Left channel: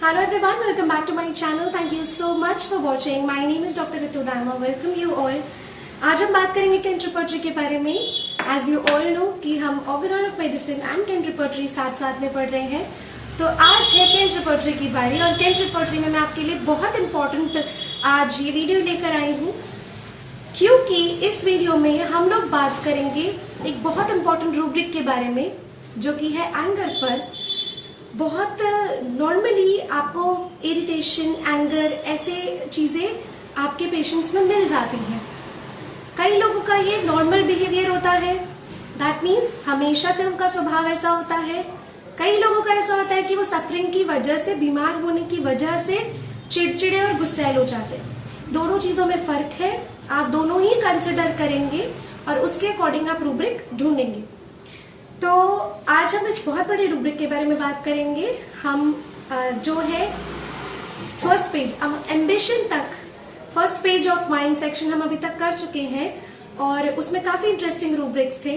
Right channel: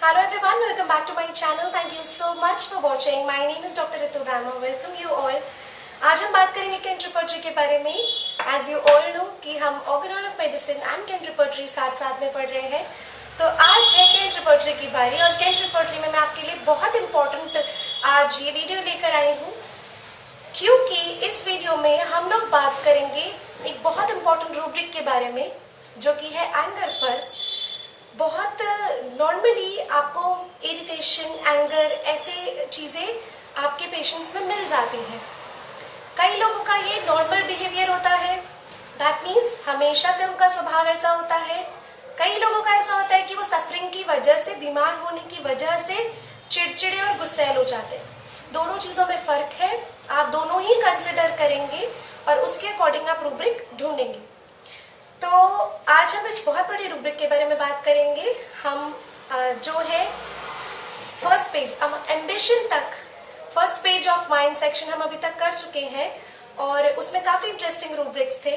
Hello everyone, welcome back to my channel. Thank you so much for watching. My name is Dr. Ritu Dharma. Welcome you all. आज हम बात करेंगे cantt repertory के बारे में. As you all know कि हम organon of medicine and Kent repertory साथ साथ में पढ़ रहे हैं. तो आज है कैंट रिपर्टरी की बारी और कैंट रिपर्टरी में मैं आपके लिए बहुत इंपॉर्टेंट आज ये वीडियो लेकर आई हूँ, क्योंकि इस वीडियो में हम लोग बात करेंगे एक बहुत इंपॉर्टेंट रूब्रिक के बारे में, जो कि है एंगर पर. बहुत नॉर्मली आपको इरिटेशन, एंगर, ऐसे चीजें आपके पेशेंट्स में मिल जाती हैं. कई लोगों का ये नॉर्मल बिहेवियर होता है, दैट मीन्स हमेशा से उनका स्वभाव ऐसा होता है. कई लोगों का ऐसा होता है कि वो सफरिंग की वजह से, बीमार होने की वजह से चिड़चिड़े और गुस्सैल हो जाते हैं. दोनों चीजों में फर्क है. आप दोनों ही कंसिडर करेंगे और उसके अकॉर्डिंग आप रूब्रिक ढूंढेंगे. तो आज हम इस बहुत बड़ी रूब्रिक के बारे में बात करेंगे. हम जो है फर्स्ट पेज, एम्बिशन तक, first page of mind section हम अभी तक कर चुके हैं और उसमें काफी इंटरेस्टिंग रूब्रिक्स थे.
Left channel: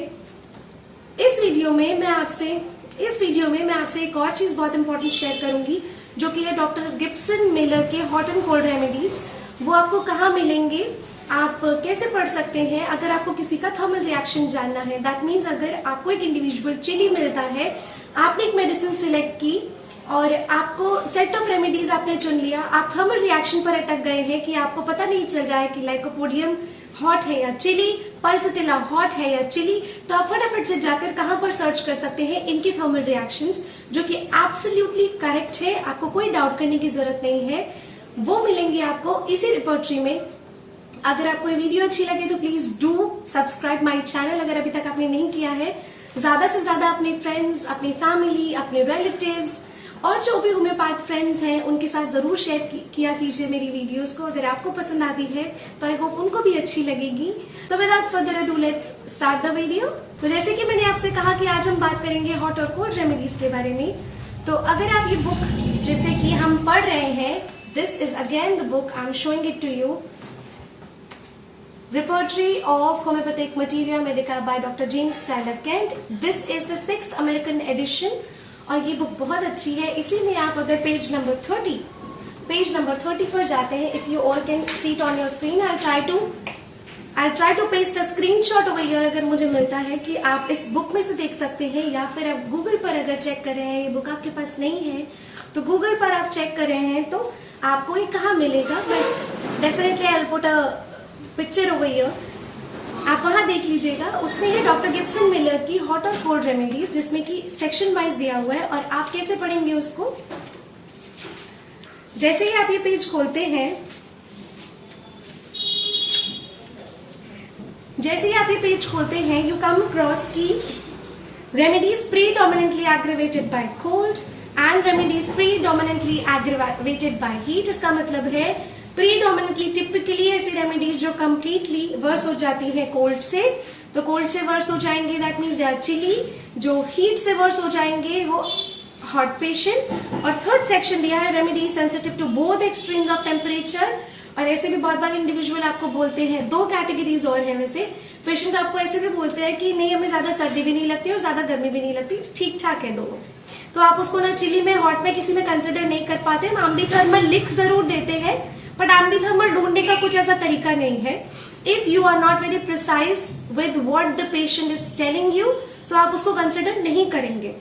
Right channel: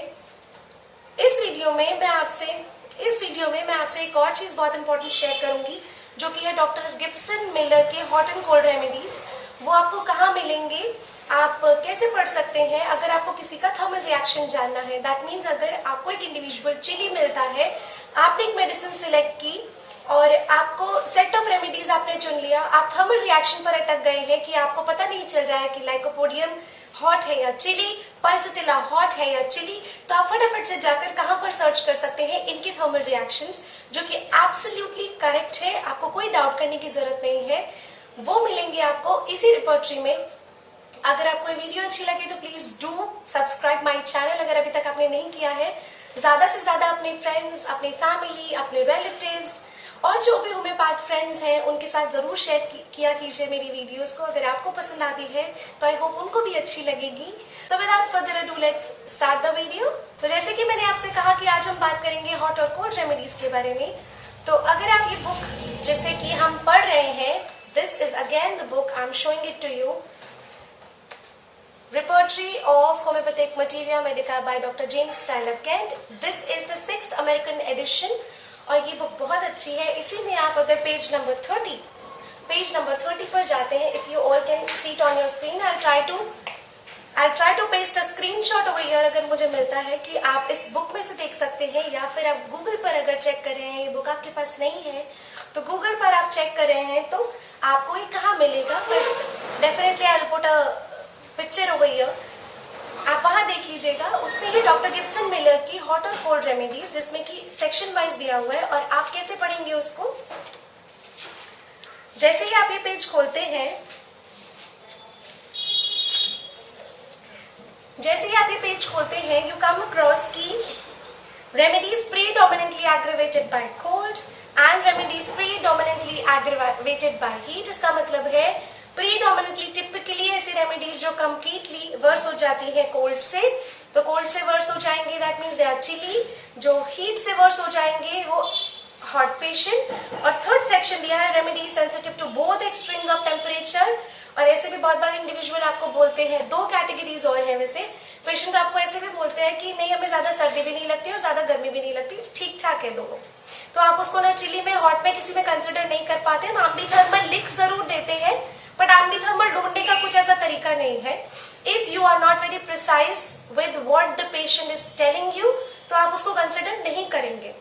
इस वीडियो में मैं आपसे एक और चीज बहुत इंपॉर्टेंट शेयर करूंगी, जो कि है डॉक्टर गिब्सन मिलर के हॉट एंड कोल्ड रेमेडीज. वो आपको कहाँ मिलेंगे, आप कैसे पढ़ सकते हैं. अगर आपको किसी का थर्मल रिएक्शन जानना है, दैट मीन्स अगर आपको एक इंडिविजुअल चिली मिलता है, आपने एक मेडिसिन सिलेक्ट की और आपको सेट ऑफ रेमेडीज आपने चुन लिया, आप थर्मल रिएक्शन पर अटक गए हैं कि आपको पता नहीं चल रहा है कि लाइकोपोडियम हॉट है या चिली, पल्सटिला हॉट है या चिली, तो आप फटाफट से जाकर कहां पर सर्च कर सकते हैं इनकी थर्मल रिएक्शंस, जो कि एब्सोल्युटली करेक्ट है. आपको कोई डाउट करने की जरूरत नहीं है. वो मिलेंगे आपको इसी रिपर्टरी में. अगर आपको ये वीडियो अच्छी लगे तो please do subscribe my channel अगर अभी तक आपने नहीं किया है. ज्यादा से ज्यादा अपने फ्रेंड्स, अपनी फैमिली, अपने रिलेटिव्स और जो भी होम्योपैथ फ्रेंड्स हैं उनके साथ जरूर शेयर किया कीजिए मेरी वीडियोस को. अगर आपको पसंद आती है तो आई होप उनको भी अच्छी लगेगी. तो without further ado let's start the video. तो जैसे कि मैंने आपसे कहा कि आज हम बात करेंगे हॉट और कोल्ड रेमेडीज के बारे में. तो अगर आप ये बुक जिसे कि हम पढ़ रहे हैं, this is again the book, I am showing it to you, Repertory of Homeopathic Materia Medica by Dr. James Tyler Kent. This is the 6th American edition और ये बुक बहुत अच्छी है. इसी में आप अगर पेज नंबर 30 पर जाते हैं, if you all can see it on your screen, I'll try to paste a screenshot over here अगर मुझे मिलता है कि आप इस बुक में से देख सकते हैं, या फिर आप गूगल पर अगर चेक कर रहे हैं, ये बुक आपके पास नहीं है तो गूगल पर आप चेक कर रहे हैं तो आपको ये कहाँ मिलेगा. But definitely I will put a picture over here, आप वहां देख लीजिएगा. उसमें ये डॉक्टर गिब्सन मिलर की हॉट और कोल्ड रेमेडीज, जिसमें कि सेक्शन वाइज दिया हुआ है. और आप कैसे पढ़ेंगे उसको, जैसे ही आप ये पेज खोलते हैं, यू कम अक्रॉस की remedies predominantly aggravated by cold and remedies predominantly aggravated by heat. इसका मतलब है प्रीडोमिनेंटली टिपिकली ऐसी रेमेडीज जो कंप्लीटली वर्स हो जाती है कोल्ड से, तो कोल्ड से वर्स हो जाएंगे, that means they are chilly. जो हीट से वर्स हो जाएंगे वो हॉट पेशेंट. और थर्ड सेक्शन दिया है remedies sensitive to both extremes of temperature. और ऐसे भी बहुत बार इंडिविजुअल आपको बोलते हैं, दो कैटेगरीज और है वैसे, पेशेंट आपको ऐसे भी बोलते हैं कि नहीं, हमें ज्यादा सर्दी भी नहीं लगती और ज्यादा गर्मी भी नहीं लगती, ठीक ठाक है दोनों. तो आप उसको ना चिली में, हॉट में किसी में कंसिडर नहीं कर पाते. हम एम्बीथर्मल लिख जरूर देते हैं, बट एम्बीथर्मल ढूंढने का कुछ ऐसा तरीका नहीं है. If you are not very precise with what the patient is telling you, तो आप उसको कंसिडर नहीं करेंगे.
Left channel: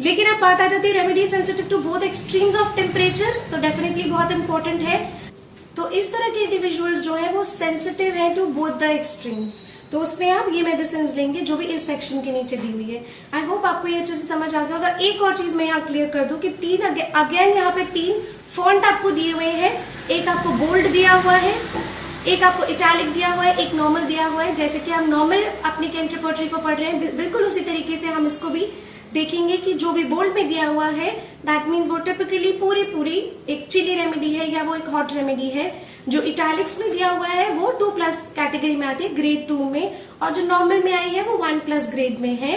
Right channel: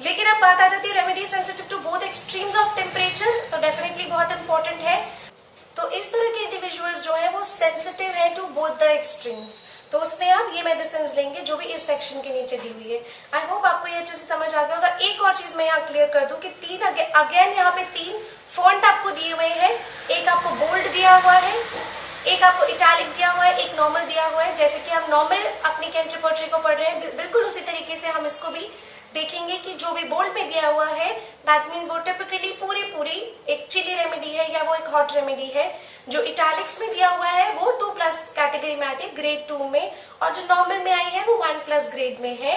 लेकिन अब बात आ जाती है remedy sensitive to both extremes of temperature, तो डेफिनेटली बहुत इंपॉर्टेंट है. तो इस तरह के इंडिविजुअल्स जो है वो सेंसिटिव है टू बोथ द एक्सट्रीम्स, तो उसमें आप ये मेडिसिन लेंगे जो भी इस सेक्शन के नीचे दी हुई है. आई होप आपको ये अच्छे से समझ आ गया होगा. एक और चीज मैं यहाँ क्लियर कर दूं कि अगेन यहाँ पे 3 फॉन्ट आपको दिए हुए हैं. एक आपको बोल्ड दिया हुआ है, एक आपको इटैलिक दिया हुआ है, एक नॉर्मल दिया हुआ है. जैसे कि हम नॉर्मल अपनी कैंट रिपर्टरी को पढ़ रहे हैं, बिल्कुल उसी तरीके से हम इसको भी देखेंगे कि जो भी बोल्ड में दिया हुआ है, दैट मीन्स वो टिपिकली पूरी एक चिली रेमेडी है या वो एक हॉट रेमेडी है. जो इटैलिक्स में दिया हुआ है वो 2+ कैटेगरी में आती है, ग्रेड 2 में, और जो नॉर्मल में आई है वो 1+ ग्रेड में है.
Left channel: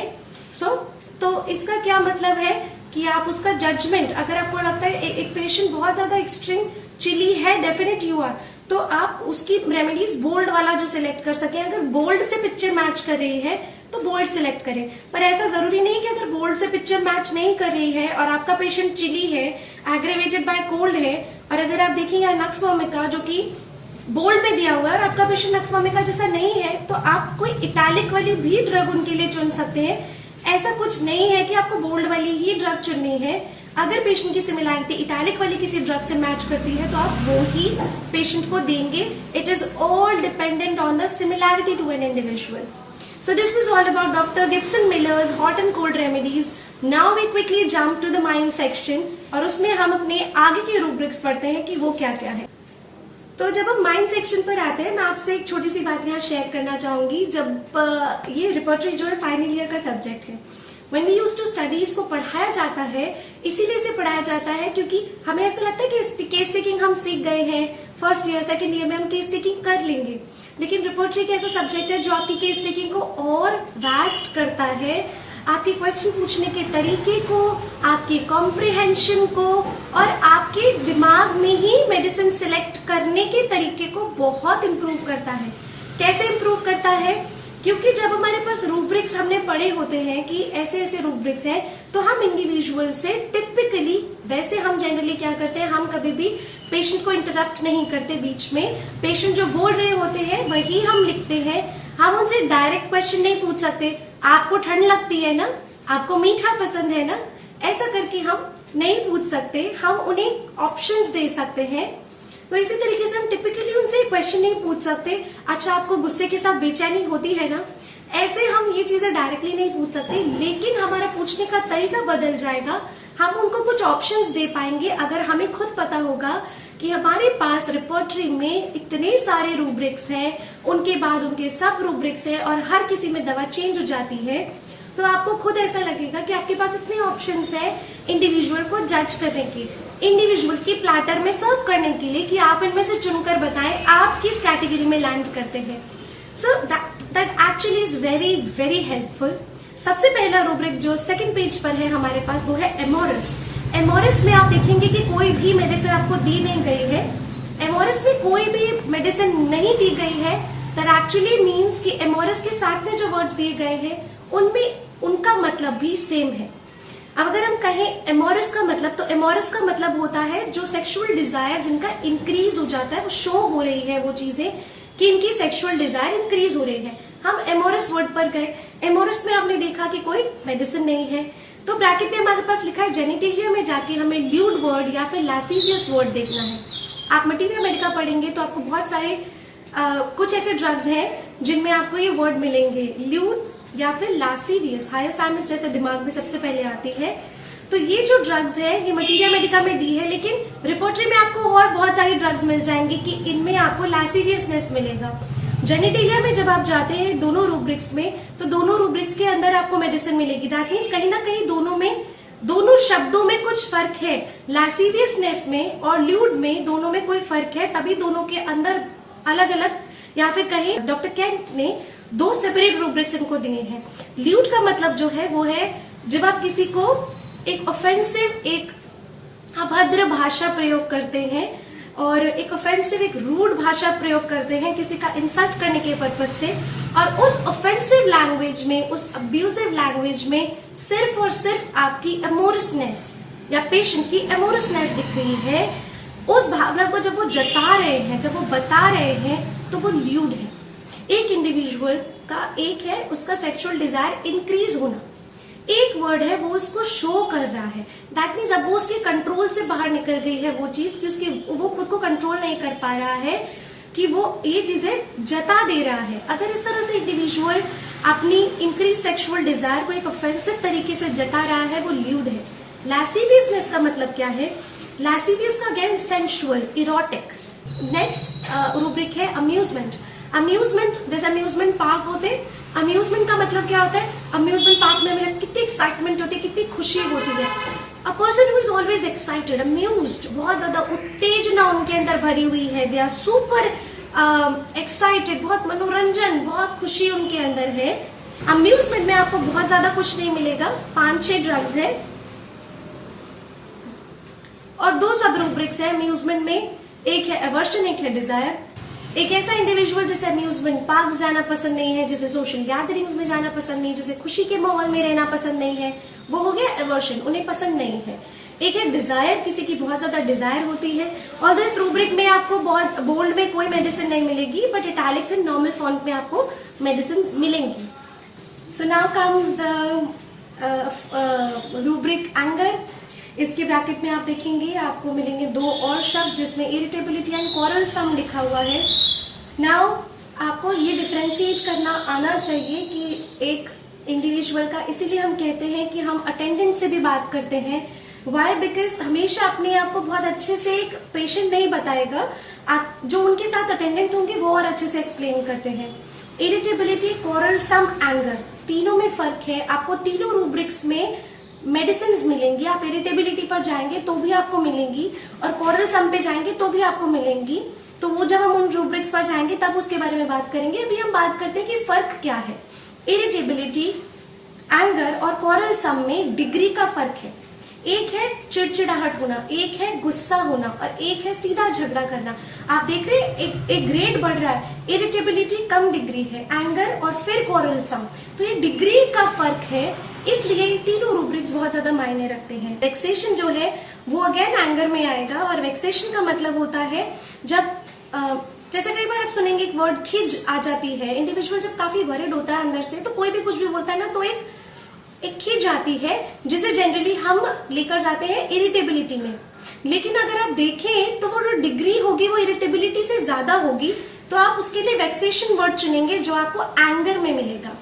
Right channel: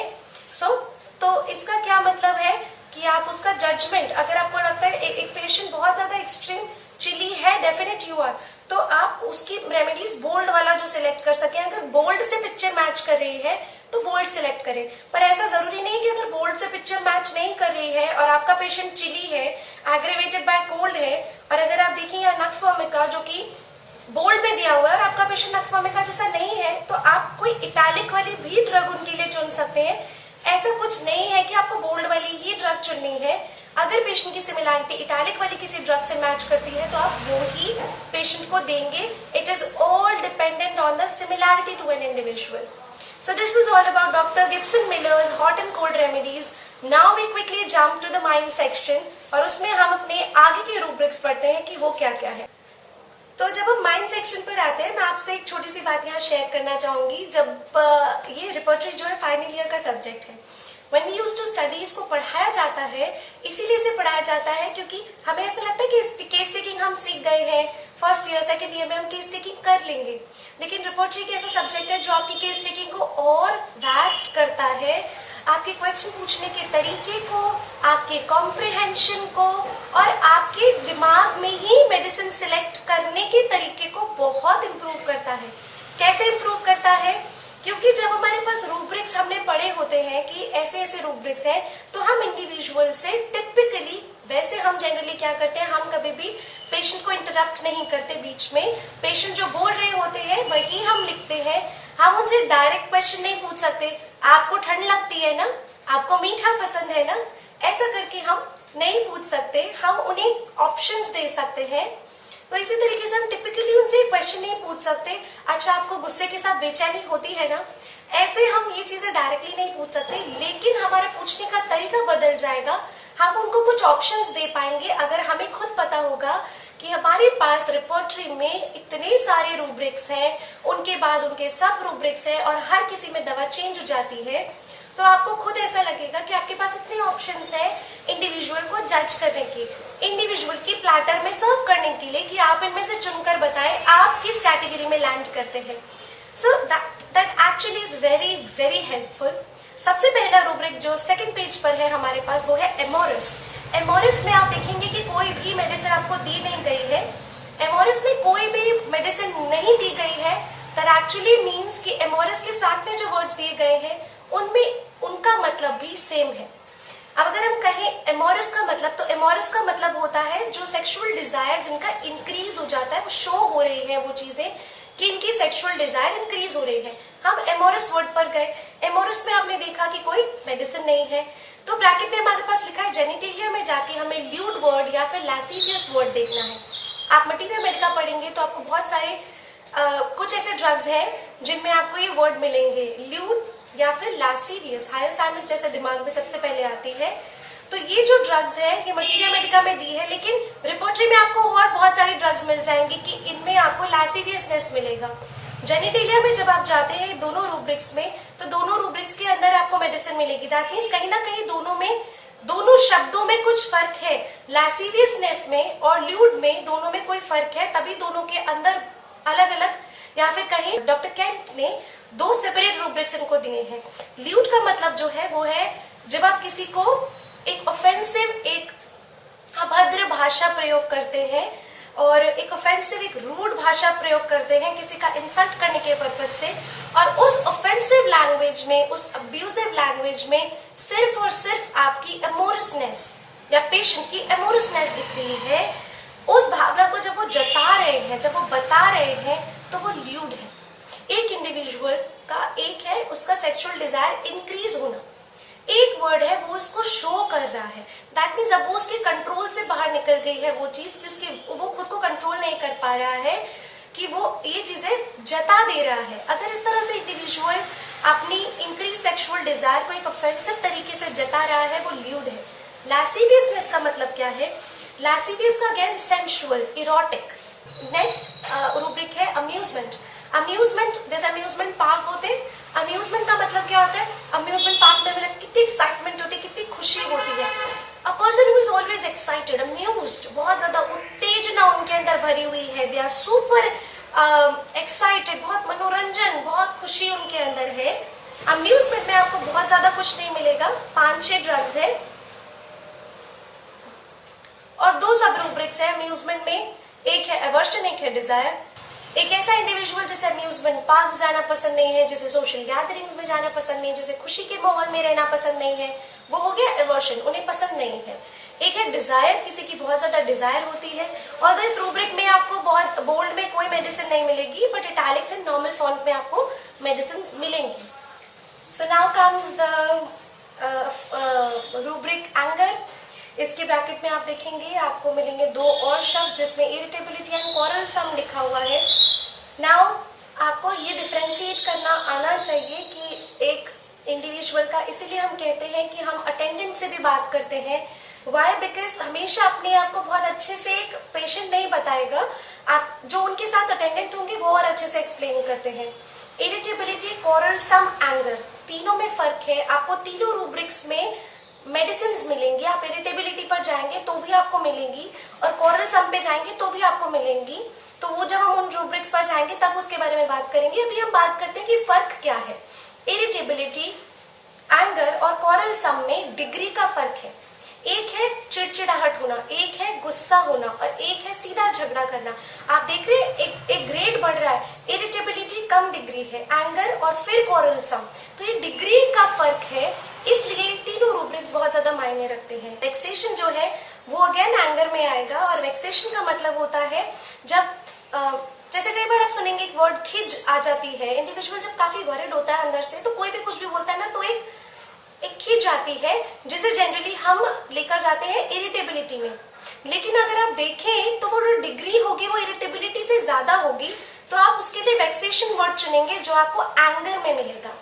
तो इसका क्या मतलब है कि आप उसका जजमेंट, अगर आपको लगता है एक पेशेंट बहुत ज्यादा एक्सट्रीम चिली है, डेफिनेट यू आर, तो आप उसकी रेमेडीज बोल्ड वाला जो सिलेक्ट कर सके. अगर बोल्ड से पिक्चर मैच कर रही है तो बोल्ड सिलेक्ट करें, पर ऐसा जरूरी नहीं कि अगर बोल्ड से पिक्चर मैच नहीं कर रही है और आपका पेशेंट चिली है, एग्रेवेटेड बाय कोल्ड है, और अगर आप देखिए यहाँ नक्स वोमिका जो कि बोल्ड में दिया हुआ है और आपका पेशेंट नक्स वोमिका जैसा नहीं है, तो आप कोई इटैलिक वाली भी ड्रग उनके लिए चुन सकते हैं। ऐसा कुछ नहीं है कि आपको बोल्ड वाली ही ड्रग चुननी है। अगर पेशेंट की सिमिलैरिटी इटैलिक वाली किसी ड्रग से मैच करती है तो आप वो ही पेशेंट को देंगे। It is all dependent on the similarity to an individual. So this was all about Dr. Gibson Miller's hot and cold remedies. Now we quickly jump to the mind section और उसमें हम अपने आगे के rubrics पढ़ते हैं कि वो क्या क्या है। तो जब हम माइंड सेक्शन पर आते हैं, मैं आपसे एक छोटी सी बात यहाँ शेयर करना चाहूंगी। जब ये रिपोर्टरी जो है फाइनल ईयर का सब्जेक्ट है, When we used to study, इसको पढ़ाया जाता है, इसीलिए इसे पढ़ाया जाता है क्योंकि हमें ऐसा लगता है कि केस टेकिंग हम सीख गए हैं, फर्स्ट ईयर सेकंड ईयर में हम केस टेकिंग कर लेंगे। लेकिन रिपोर्टरी एक ऐसा सब्जेक्ट है जो आपकी केस टेकिंग को और वास्ट करता है, आपके क्वेश्चन पूछने के तरीके को, आपके कॉम्प्रिहेंशन को और आपके दिमाग में ही मेडिसिन सिलेक्ट करने के तरीके को बहुत इम्प्रूव करता है। कैसे इम्प्रूव करता है? क्योंकि जब हमारे पास रूब्रिक्स हमने पढ़े होते हैं कि ऐसे ऐसे रूब्रिक्स हैं, तो हम इंडिविजुअल से टिपिकली, वैसे हम जनरली क्या करते हैं, हम कभी भी पेशेंट को इंटरप्ट नहीं करते बीच में। पेशेंट जो बोल रहे होते हैं वही हम लिखते हैं। हम उनसे डायरेक्ट क्वेश्चन नहीं पूछ सकते, आपको ठंड लगती है ना, आपको मीठा पसंद है ना, ऐसा करके हम नहीं पूछ सकते। हम उन्हें ऑप्शंस दे सकते हैं। तो इसी तरीके से हम टिपिकली उनसे क्वेश्चन नहीं पूछ सकते, अच्छा आपको गुस्से के साथ बेचैनी होती है ना, ऐसे हम ये चीजें डायरेक्टली नहीं पूछ सकते। लेकिन हमारे पूछने का तरीका बदल जाएगा, हम उनको कुछ ऑप्शंस दे पाएंगे अगर हमें खुद पता होगा कि हमारे पास रिपोर्टरी में इतने सारे रूब्रिक्स हैं, उनके बाद उनके सब रूब्रिक्स हैं और हर किसी में दवा चेंज हो जाती है। तो आपको खुद ऐसा लगेगा कि आपके पास इतने ऑप्शंस है इंडिविजुअल को जज करने की, इंडिविजुअल की प्लेटर में सर्व करने के लिए कि आप इनमें से चुनकर बताएं आप किस कैटेगरी में लैंड करते हैं। So that actually is very very helpful. सबसे पहला रूब्रिक जो सेकंड पेज पर है हमारे पास, वो है एमोरस। एमोरस में आप देखेंगे कि कोई भी मेडिसिन आपको दी नहीं गई है। एमोरस में कोई भी मेडिसिन नहीं दी गई है, दैट एक्चुअली मीन्स कि एमोरस के साथ में जो वर्ड्स दिए गए हैं उनमें उनका मतलब भी सेम है। अब अगर हम कहें एमोरस का मतलब, तो एमोरस का मतलब होता है जो सेक्सुअल डिजायर जिनका इंक्रीज हो जाता है, वो शो हो रही है वो चीजें कि इनकी सेक्सुअल डिजायर इंक्रीज हो रही है। हम एमोरस वर्ड पर गए, एमोरस में आपने देखा कि कोई मेडिसिन नहीं है, तो ब्रैकेट में हमारे पास लिखा है जेनिटेलिया में जाके हमें ल्यूड वर्ड या फिर लैसिवियस वर्ड देखना है। आप मटीरिया मेडिका पढ़ेंगे तो आपको बहुत सारे कुछ ऐसे ड्रग्स हैं जिनमें आपको ये वर्ड मिलेंगे, ल्यूड या फिर लासिवियस, हायोसामिस जैसे दिमाग में सबसे पहले आती है। तो ये जो ड्रग्स है ये मटीरिया मेडिका में दी है, लेकिन रिपोर्टरी में आपको और बहुत सारी ड्रग्स मिल जाएंगी कि इनमें आपको लासिवियसनेस मिलेगा। जेनिटेलिया में जब आप जाते हैं दोनों रूब्रिक्स में, तो दोनों रूब्रिक्स के अंदर आपको मेडिसिन मिलेगी। दैट मीन्स कहीं ना कहीं दोनों शब्दों में कुछ फर्क है, लासिवियसनेस में और ल्यूड में दोनों में कोई फर्क है, तभी दोनों के अंदर अलग अलग, या फिर कहें डॉक्टर केंट ने दो सेपरेट रूब्रिक्स इनको दिए हैं। ल्यूड का मतलब जो है वो है जब आप किसी को एक ऑफेंसिव, एक अभद्र भाषा प्रयोग करते हैं और एक ऑफेंसिव, एक रूड भाषा प्रयोग करते हैं किसी का इंसल्ट करने के पर्पज से, और उस ऑफेंसिव लैंग्वेज में, उस अब्यूजिव लैंग्वेज में सिर्फ और सिर्फ आपकी एमोरसनेस या पेशेंट की एमोरसनेस दिख रही है। उस भावना को जब वो जता रहे हैं, जब वो बता रहे हैं, तो वो ल्यूड है। एक इंडिविजुअल का एक है उसका सेक्सुअल डिजायर इंक्रीज होना, एक वर्ड है वो उसको शो कर रहा है। दैट मीन्स अब वो उसके कंट्रोल से बाहर निकल गई है वो चीज कि वो खुद को कंट्रोल नहीं कर पा रहा है कि वो ये चीजें जता दे रहा है। अगर इस तरह से इंडिविजुअल अपनी इंक्रीज सेक्सुअल डिजायर को एक ऑफेंसिव तरीके से जता रहा है, वो ल्यूड है। लैसिवियसनेस का मतलब क्या है? लैसिवियस का again sensual, erotic. Next rubric है अम्यूजमेंट। अम्यूजमेंट, जैसे अम्यूजमेंट पार्क होते, अम्यूजमेंट का मतलब क्या होता है? अम्यूजमेंट पार्क में मतलब कितनी एक्साइटमेंट होती है, कितनी खुशी होती है। A person who is always excited, amused, बहुत ज्यादा उत्तेजना उनके अंदर भरी हुई है, दे आर सुपर एक्साइटेड, बहुत मनोरंजन, बहुत खुशी उनके अंदर है। अम्यूजमेंट में आपको बहुत ज्यादा कुछ नहीं मिलेगा, 5-6 ड्रग्स है और 2 सब रूब्रिक्स है अम्यूजमेंट में, एक है एवर्शन, एक है डिजायर। एक ऐसा इंडिविजुअल जिसे अम्यूजमेंट पार्क जाना पसंद नहीं है, जिसे सोशल गैदरिंग्स में जाना पसंद नहीं, जिसे खुशी के माहौल में रहना पसंद नहीं है, वो हो गया एवर्शन, उन्हें पसंद नहीं है। एक है डिजायर, किसी की बहुत ज्यादा डिजायर होती है। और इस रूब्रिक में आपको बहुत बोल्ड में कोई मेडिसिन नहीं मिलेगी, but italics and normal font में आपको मेडिसिन मिलेंगी। So now comes the rubric anger. इसके ब्रैकेट में आप देखेंगे आपको मिलेंगे दो और शब्द जिसमें इरिटेबिलिटी एंड क्वारलसम लिखा हुआ है। नाउ आपको ये डिफरेंशिएट करना आना चाहिए कि एक इंडिविजुअल का, इसीलिए हम कहते हैं कि हम अटेंडेंट से भी बात करते हैं। वाई? बिकॉज हमेशा अपने आप को बहुत अच्छे से एक पेशेंट नहीं बताएगा, आप जो उनके साथ अटेंडेंट होंगे वो और अच्छे से एक्सप्लेन करते हैं। इरिटेबिलिटी, क्वारलसम, एंगर, तीनों में फर्क है। आपको तीनों रूब्रिक्स में मेडिसिन मिलेंगी। आप इरिटेबिलिटी पर जाएंगे तो भी आपको मिलेंगी और क्वारलसम पे जाएंगे तो भी आपको मिलेंगी। तो वो जब हम उन रूब्रिक्स पर जाएंगे तब उसके बारे में बात करेंगे। अभी हम बात करते हैं कि फर्क क्या है। इरिटेबिलिटी, एंगर और क्वारलसम में डिग्री का फर्क है। एक है चिड़चिड़ाहट होना, एक है गुस्सा होना और एक है सीधा झगड़ा करना। आप देख रहे हैं एक ग्रेड बढ़ रहा है। इरिटेबिलिटी कम डिग्री है, एंगर और फिर क्वारलसम, तो ये डिग्री का फर्क है। इसलिए तीनों रूब्रिक्स बहुत ज्यादा मायने रखते हैं। वेक्सेशन जो है वो अगेन एंगर में आएगा और वेक्सेशन का मतलब होता है जब जैसे कई बार आप सुनेंगे एक वर्ड खिज आ जाती है। इंडिविजुअल जब काफी वरिड होता है अंदर से तो कोई भी कुछ भी बोलता है ना, तो एक खिज आती है जिसे जनरली हम लेकर जाते हैं इरिटेबिलिटी में। लेकिन अगर आप देखें तो वो जो डिग्री होगी वो इरिटेबिलिटी से ज्यादा होगी, तो आप उसके लिए वेक्सेशन वर्ड चुनेंगे जो आपको एंगर में मिलेगा।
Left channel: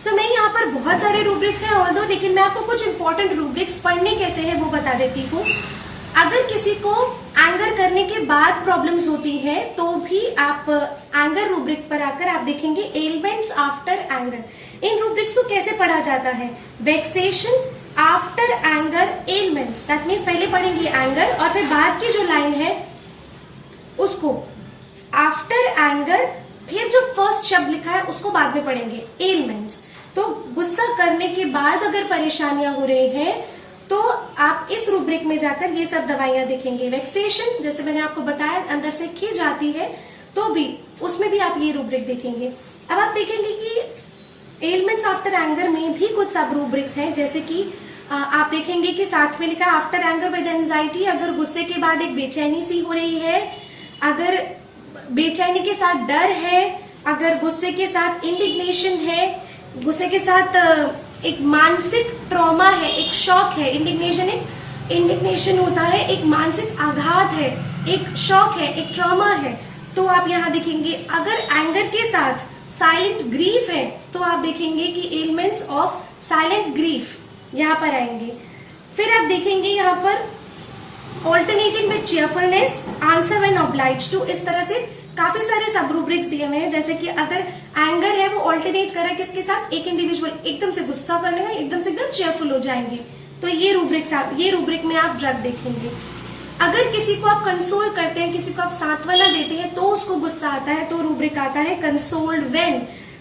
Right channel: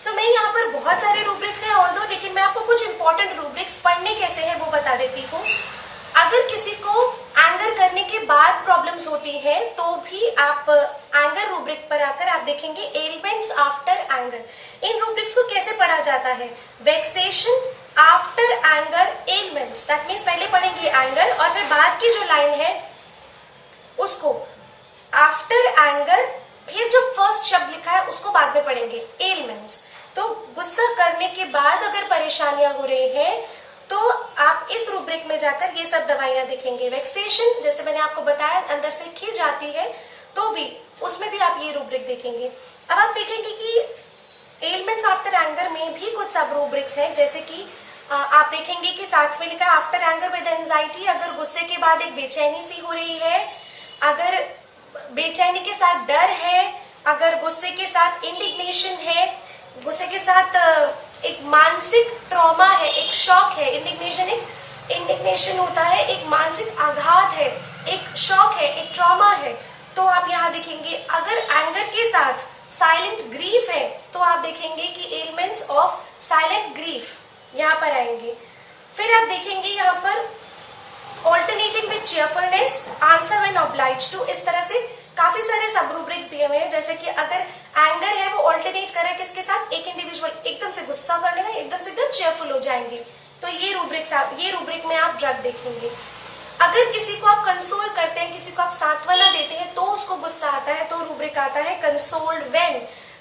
सो मैं यहाँ पर बहुत सारे रूब्रिक्स हैं ऑल्दो, लेकिन मैं आपको कुछ इंपॉर्टेंट रूब्रिक्स पढ़ने कैसे है वो बता देती हूँ। अगर किसी को एंगर करने के बाद प्रॉब्लम्स होती है तो भी आप एंगर रूब्रिक पर आकर आप देखेंगे एलिमेंट्स आफ्टर एंगर। इन रूब्रिक्स को कैसे पढ़ा जाता है? Vexation after anger elements, that means पहले पढ़ेंगे एंगर और फिर बाद की जो लाइन है उसको आफ्टर एंगर, फिर जो फर्स्ट शब्द लिखा है उसको बाद में पढ़ेंगे एलिमेंट्स। तो गुस्सा करने के बाद अगर परेशानियां हो रही हैं तो आप इस रूब्रिक में जाकर ये सब दवाइयां देखेंगे। वेक्सेशन जैसे मैंने आपको बताया अंदर से खिज आती है तो भी उसमें भी आप ये रूब्रिक देखेंगे। अब आप देखेंगे कि एलिमेंट्स आफ्टर एंगर में भी कुछ सब रूब्रिक्स हैं, जैसे कि आप देखेंगे कि साथ में लिखा है आफ्टर एंगर विद एंजाइटी। अगर गुस्से के बाद एक बेचैनी सी हो रही है, अगर बेचैनी के साथ डर है, अगर गुस्से के साथ इंडिग्नेशन है, गुस्से के साथ एक मानसिक ट्रॉमा है, एक शॉक है। इंडिग्नेशन होता है, एक मानसिक आघात है, एक शॉक है, एक ट्रॉमा है, तो आप यहाँ देखेंगे। अगर एंगर के साथ साइलेंट ग्रीफ है तो आप देखेंगे कि एलिमेंट्स ऑफ साइलेंट ग्रीफ यहाँ पर आएंगे। फिर आप देखेंगे यहाँ पर alternating with cheerfulness, answer when obliged to, इस तरह से काफी सारे सब रूब्रिक्स दिए हुए हैं। जैसे कि अगर एंगर है वो ऑल्टरनेट कर रहा है किसके साथ? एक इंडिविजुअल एकदम से गुस्सा करने का, एकदम से एकदम चेयरफुल हो जाएंगे, तो ये रूब्रिक में आप ड्रग देखेंगे। अगर किसी को आप कंसोल करते हैं, किसी को आप सांत्वना देते हैं तो उसको गुस्सा आता है, तो रूब्रिक आता है कंसोल्ड व्हेन।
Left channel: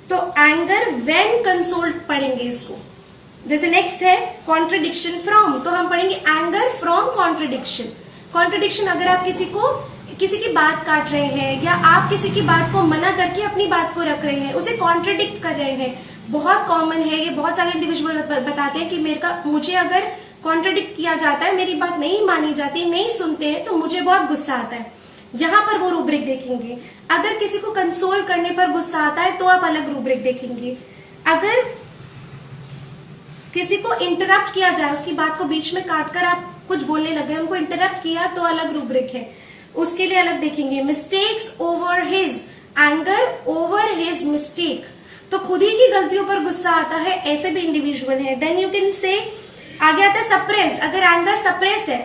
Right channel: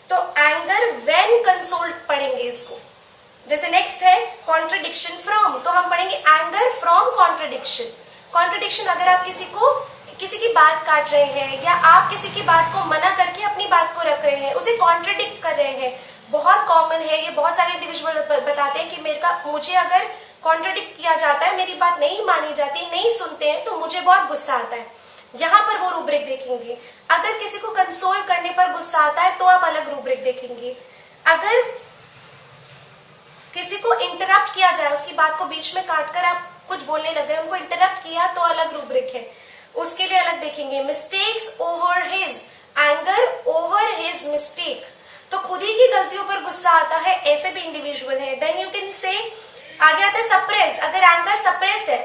तो एंगर व्हेन कंसोल्ड पढ़ेंगे इसको। जैसे नेक्स्ट है कॉन्ट्रडिक्शन फ्रॉम, तो हम पढ़ेंगे एंगर फ्रॉम कॉन्ट्रडिक्शन। कॉन्ट्रडिक्शन, अगर आप किसी की बात काट रहे हैं या आप किसी की बात को मना करके अपनी बात को रख रहे हैं, उसे कॉन्ट्रडिक्ट कर रहे हैं, बहुत कॉमन है ये। बहुत सारे इंडिविजुअल बताते हैं कि मुझे अगर कॉन्ट्रडिक्ट किया जाता है, मेरी बात नहीं मानी जाती, नहीं सुनते हैं, तो मुझे बहुत गुस्सा आता है। यहाँ पर वो रूब्रिक देखेंगे। अगर किसी को कंसोल करने पर गुस्सा आता है तो आप अलग रूब्रिक देखेंगे। अगर किसी को इंटरप्ट किया जाए, उसकी बात को बीच में काटकर आप कुछ बोलने लगे, उनको इंटरप्ट किया, तो अलग रूब्रिक है, उसके लिए अलग देखेंगे। Mistakes over his, anger over his mistake, तो खुद ही की गलतियों पर गुस्सा आता है, ऐसे भी इंडिविजुअल है। देन यू कैन से, आगे आता है सप्रेस्ड। अगर एंगर सप्रेस्ड है,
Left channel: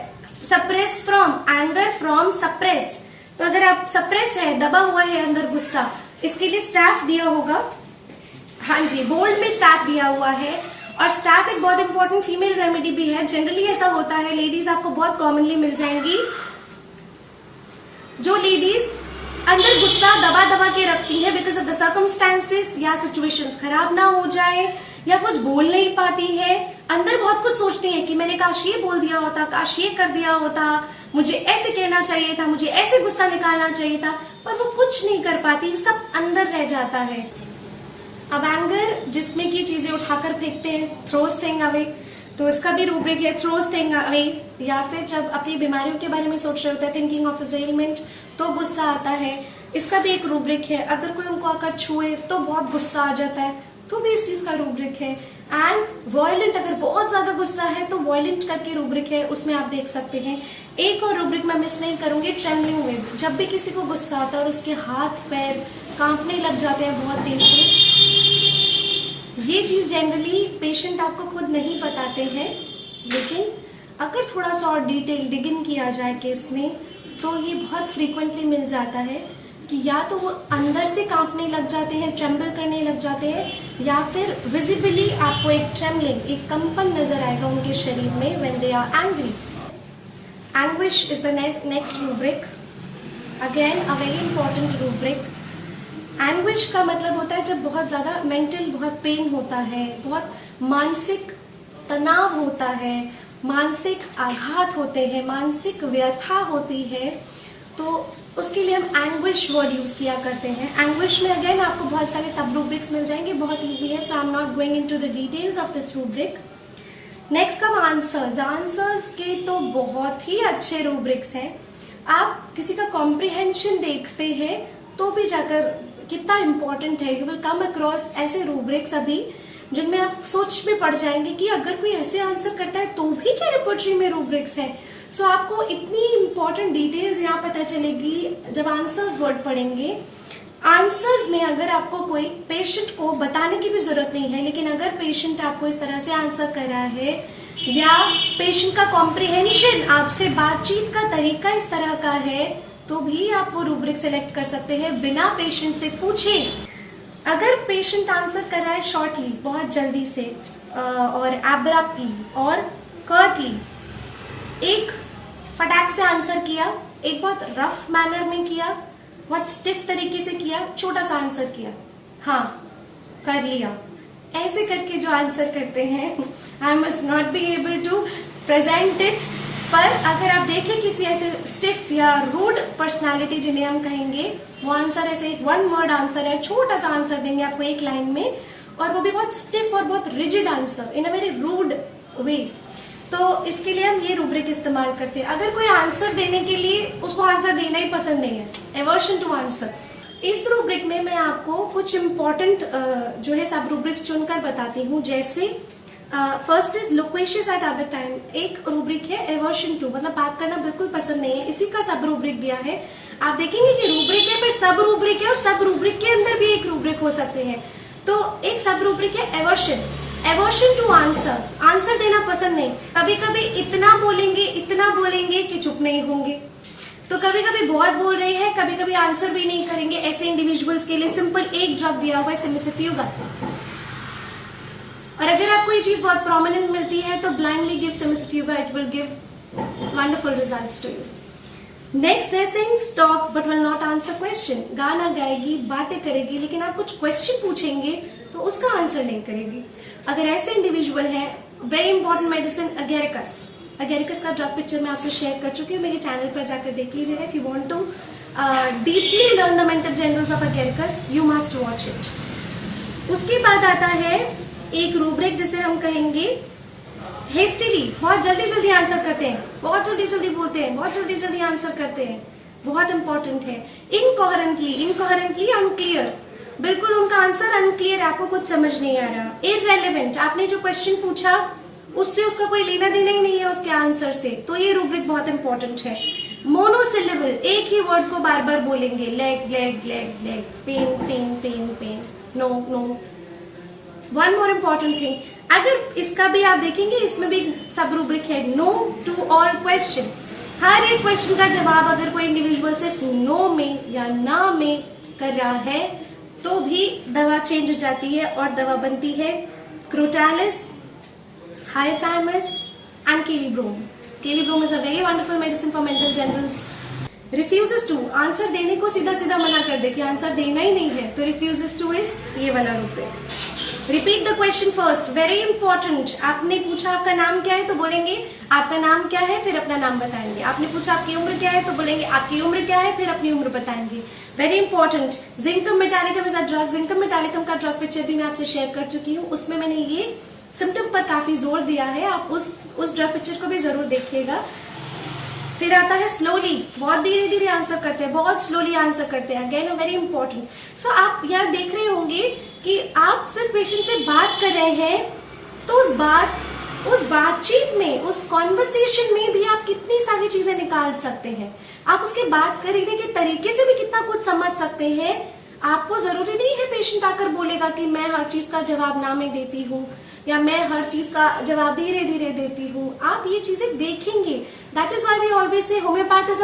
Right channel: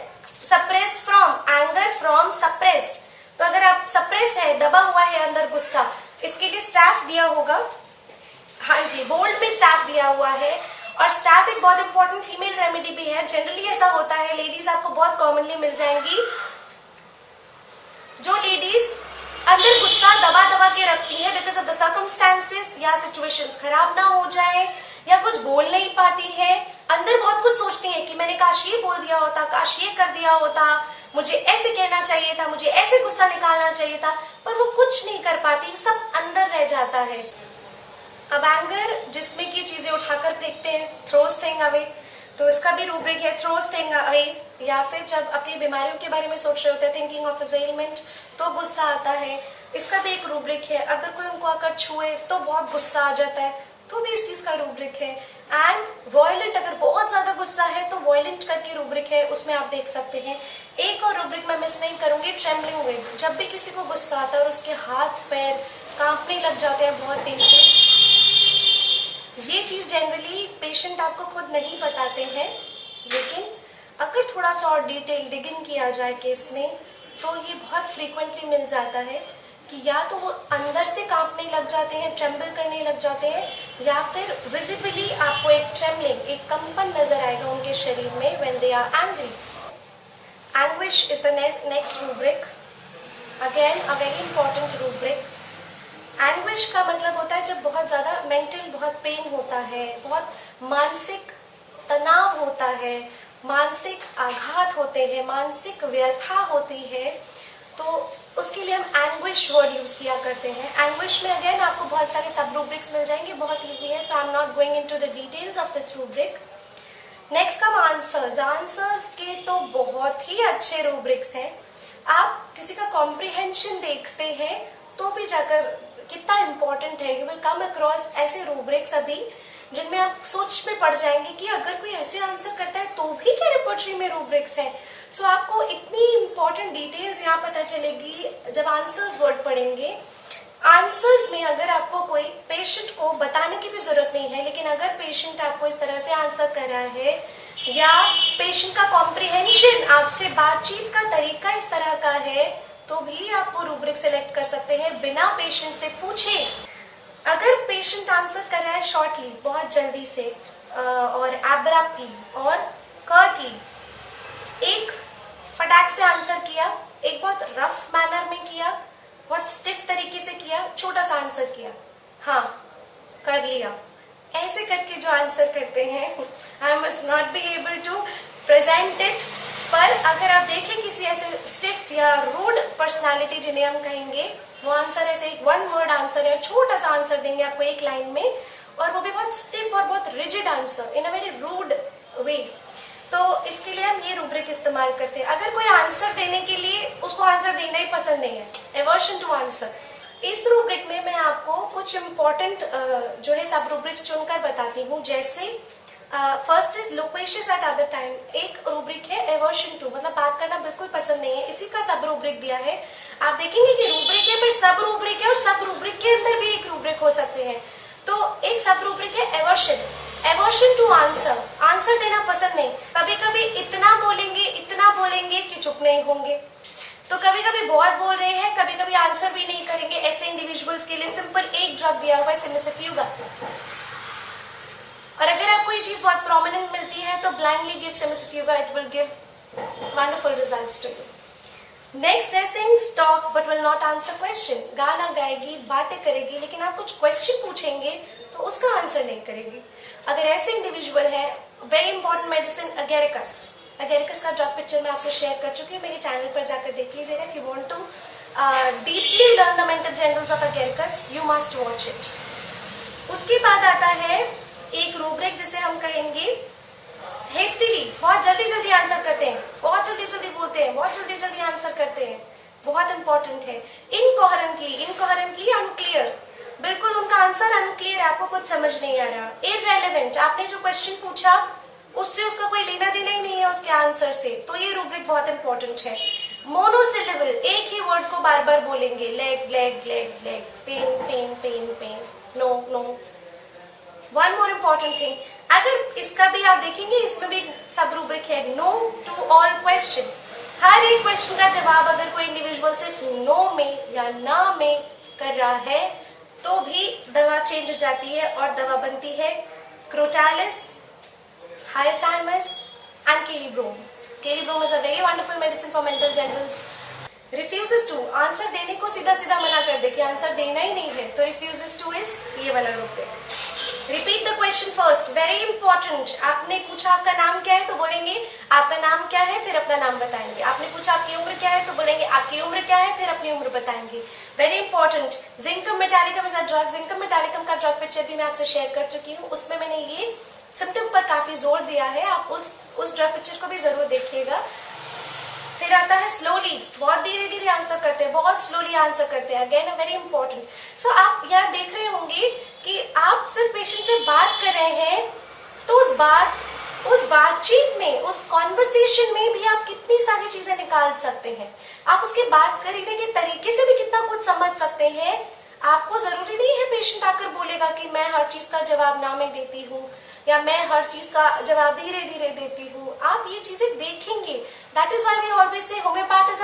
suppress from, anger from suppressed, तो अगर आप सप्रेस है, दबा हुआ है अंदर गुस्सा, इसके लिए स्टाफ दिया होगा। हाँ जी, बोल्ड में स्टाफ दिया हुआ है। और स्टाफ एक बहुत इंपॉर्टेंट फीमेल रेमेडी भी है। जनरली ऐसा होता है, लेडीज आपको बहुत कॉमनली मिल जाएंगी, जो लेडीज अंदर गुस्सा दबा दबा के रखती है बिकॉज ऑफ द सर्कमस्टांसेस, या सिचुएशंस खराब ना हो जाए या कुछ बोल नहीं पाती है, अंदर बहुत कुछ सोचती हैं कि मैंने काश ये बोल दिया होता, काश ये कर दिया होता, मुझे ऐसे कहना चाहिए था, मुझे ऐसे गुस्सा निकालना चाहिए था, पर वो कुछ नहीं कर पाती, सब अंदर रह जाता है। अब एंगर जिसमें की चीजें उठाकर फेंकते हैं, थ्रोज थिंग अवे, तो इसका भी रूब्रिक है थ्रोज थिंग अवे। या फिर जब अपनी बीमारियों के बारे में सोच रहे होते हैं, थिंकिंग ऑफ एलिमेंट, तो गुस्सा आता है, इसका भी एक रूब्रिक है। अगर कोई उनको आकर छुए तो बहुत गुस्सा आ जाता है, तो भी इस चीज का रूब्रिक है। एंड वॉयलेंट, अगर बहुत ज्यादा गुस्सा है तो वॉयलेंट करके रूब्रिक है, उसमें आप देख सकते हैं। एक और रूब्रिक मैं मिस नहीं करूंगी, ट्रेम्बलिंग विद। जब भी किसी को गुस्सा आता है और उसके हाथ पैर कांपने लग जाते हैं बहुत तेज से, ये चीज जनरली पेशेंट आपको खुद नहीं बताते हैं, लेकिन अगर थोड़ा सा और डिटेल डिगिंग किया जाए केस में, तो ये बहुत फ्रीक्वेंटली मिल जाता है कि या तो वो अंदर से कांपने लग जाते हैं, ट्रेम्बल करने लग जाते हैं, या फिर विजिबली आपको एक ट्रेम्बलिंग, एक कंपन नजर आएगा उनके शरीर में when they are angry. Anguish is the next rubric, again a very important rubric. Anguish का मतलब होता है जब बहुत ज्यादा मेंटल बहुत पेन होता है, बहुत मानसिक तनाव होता है, मानसिक आघात होते हैं, मानसिक व्यथा होती है, तो उसके लिए हम एंग्विश वर्ड यूज किया करते हैं। एंग्विश में अगेन आपको बहुत सारे सब रूब्रिक्स मिल जाएंगे, बहुत इजी है, so I am not going into the details of this rubric. Next come answers. Answers के तो बहुत ही अच्छे रूब्रिक्स हैं। आप किसी का कॉम्प्रिहेंशन देखते हैं तो भी जाकर कितना इंपॉर्टेंट है, यू विल कम अक्रॉस ऐसे रूब्रिक्स अभी जिनमें आप सोच में पड़ जाएंगे कि अगर कोई ऐसे आंसर करता है तो भी क्या रिपोर्टरी में रूब्रिक्स है। सो आपको इतनी इंपॉर्टेंट डिटेल्स यहाँ पता चलेगी जब आंसर्स वर्ड पढ़ेंगे। आंसर्स में अगर आपको कोई पेशेंट को बताने की भी जरूरत नहीं है, लेकिन अगर पेशेंट आपको इस तरह से आंसर कर रहा है या पेशेंट का कॉम्प्रिहेंशन, आपसे बातचीत का तरीका इस तरह का है, तो भी आप वो रूब्रिक सेलेक्ट कर सकते हैं बिना पेशेंट से पूछे। अगर पेशेंट आंसर कर रहा है शॉर्टली, बहुत जल्दी से, और एब्रप्टली और कर्टली, एक फटाक से आंसर किया, एक बहुत रफ मैनर में किया, बहुत स्टिफ तरीके से किया, छोटा सा आंसर किया, हाँ कर लिया, ऐसे करके जो आंसर करते हैं, I must not be able to present it. पर अगर आप देखें किसी ऐसे स्टिफ या रूड पर्सनालिटी जिन्हें हम कहेंगे, वो आंसर ऐसे एक वन वर्ड आंसर है, छोटा सा आंसर देंगे आपको एक लाइन में, और वो भी बहुत स्टिफ और बहुत rigid answer in a very rude way, तो इसके लिए हम ये रूब्रिक इस्तेमाल करते हैं। अगर कोई आंसर देने के लिए उसको आंसर देना ही पसंद नहीं है, एवर्शन टू आंसर, इस रूब्रिक में मैं आपको कुछ इंपॉर्टेंट जो है सब रूब्रिक्स चुनकर बताती हूँ। जैसे first is loquacious at other time, एक रूब्रिक है एवर्शन टू, मतलब बात करना बिल्कुल पसंद नहीं है, इसी का सब रूब्रिक दिया है। आप देखेंगे कि रूब्रिक है, फिर सब रूब्रिक है, और सब रूब्रिक के अंदर भी एक रूब्रिक हो सकते हैं। तो एक सब रूब्रिक है aversion, aversion to answer, answer देना पसंद नहीं, कभी कभी इतना बोलेंगे कि चुप नहीं होंगे, तो कभी कभी बहुत बोल रहे हैं, कभी कभी आंसर भी नहीं करेंगे। ऐसे इंडिविजुअल्स के लिए सिंपल एक ड्रग दिया हुआ है, सिमिसिफ्यूगा, और अगर आपको ये चीज बहुत प्रोमिनेंट मिलती है तो blindly give cimicifuga, it will give wonderful results to you. Next है sings, talks but will not answer question, गाना गाएगी, बातें करेगी, लेकिन आप कुछ क्वेश्चन पूछेंगे तो उसका आंसर नहीं करेगी। अगर ऐसे इंडिविजुअल है, very important medicine Agaricus, Agaricus का ड्रग पिक्चर मैं आपसे शेयर कर चुकी हूँ, मेरे चैनल पर जाकर देख लीजिएगा। If you want to deeply learn the mental generals of Agaricus, you must watch it. उसके बाद आता है एक रूब्रिक जिसे हम कहेंगे हेस्टिली, बहुत जल्दी जल्दी आंसर करते हैं, बहुत जल्दी जल्दी बोलते हैं, बहुत जल्दी जल्दी आंसर करते हैं, बहुत इंपॉर्टेंट है। इनकोहेरेंटली, इनकोहेरेंटली अनक्लियर, बिल्कुल उनका आंसर अनक्लियर, आपको कुछ समझ नहीं आ रहा। इररेलेवेंट, आपने जो क्वेश्चन पूछा उससे उसका कोई लेना देना ही नहीं है उसके आंसर से, तो ये रूब्रिक बहुत इंपॉर्टेंट है। मोनोसिलेबल, एक ही वर्ड को बार बार बोलेंगे, leg leg leg leg, pain pain pain pain, no no. One more important thing, अगर इसका भी आप देखेंगे, इसमें भी सब रूब्रिक है, नो टू ऑल क्वेश्चन, हर एक क्वेश्चन का जवाब अगर कोई इंडिविजुअल सिर्फ नो में या ना में कर रहा है तो भी दवा चेंज हो जाती है और दवा बनती है crotalus, hyoscyamus and kali brom. Kali brom is a very wonderful medicine for mental generals. Refuses to, answer देने को सीधा सीधा मना कर दे कि आंसर देना ही नहीं है, तो रिफ्यूजेस टू इज ये वाला rubric. Repeat the question first, very important. आपने पूछा आपका नाम क्या है तो बोलेंगे आपका नाम क्या है, फिर अपना नाम बताएंगे। आपने पूछा आपकी उम्र क्या है तो बोलेंगे आपकी उम्र क्या है, फिर अपनी उम्र बताएंगे। Very important. जिंकम metallicum is a drug. जिंकम metallicum का ड्रग पिक्चर भी मैं आपसे शेयर कर चुकी हूँ, उसमें मैंने ये सिम्टम पर काफी जोर दिया है। आप उस ड्रग पिक्चर को भी जरूर देखिएगा। फिर आता है स्लोली, बहुत धीरे धीरे आंसर करते हैं, बहुत स्लोली आंसर करते हैं। Again very important. सो आप यहाँ देख रहे होंगे कि आप सिर्फ पेशेंट से बात कर रहे हैं, तो उस बातचीत में, उस कॉन्वर्सेशन में भी आप कितनी सारी चीजें निकाल सकते हैं। आप उसके बात करने के तरीके से भी कितना कुछ समझ सकते हैं। आपको जरूरी नहीं है पेशेंट आकर बोलेगा कि मैं हर चीज का जवाब ना में देती हूँ या मैं हर चीज का जवाब धीरे धीरे देती हूँ। आप ये चीजें देखेंगे। That is why we always say homeopath is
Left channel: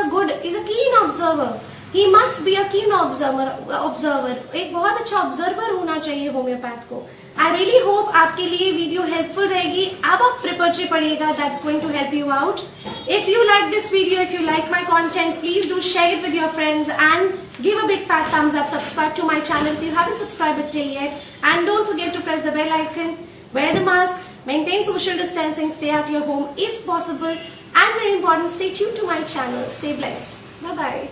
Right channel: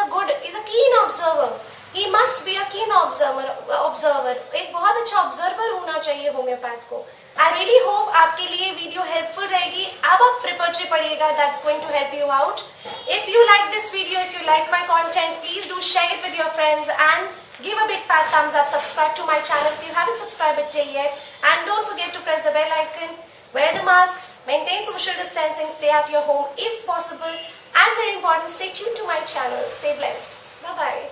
a keen observer. He must be a keen observer. एक बहुत अच्छा ऑब्जर्वर होना चाहिए होम्योपैथ को। आई रियली होप आपके लिए वीडियो हेल्पफुल रहेगी। अब आप प्रिपरेटरी पढ़िएगा, that's going to help you out. If you like this video, if you like my content, please do share it with your friends and give a big fat thumbs up. Subscribe to my channel if you haven't subscribed it till yet, and don't forget to press the bell icon. Wear the mask, maintain social distancing, stay at your home if possible, and very important, stay tuned to my channel. Stay blessed. Bye bye.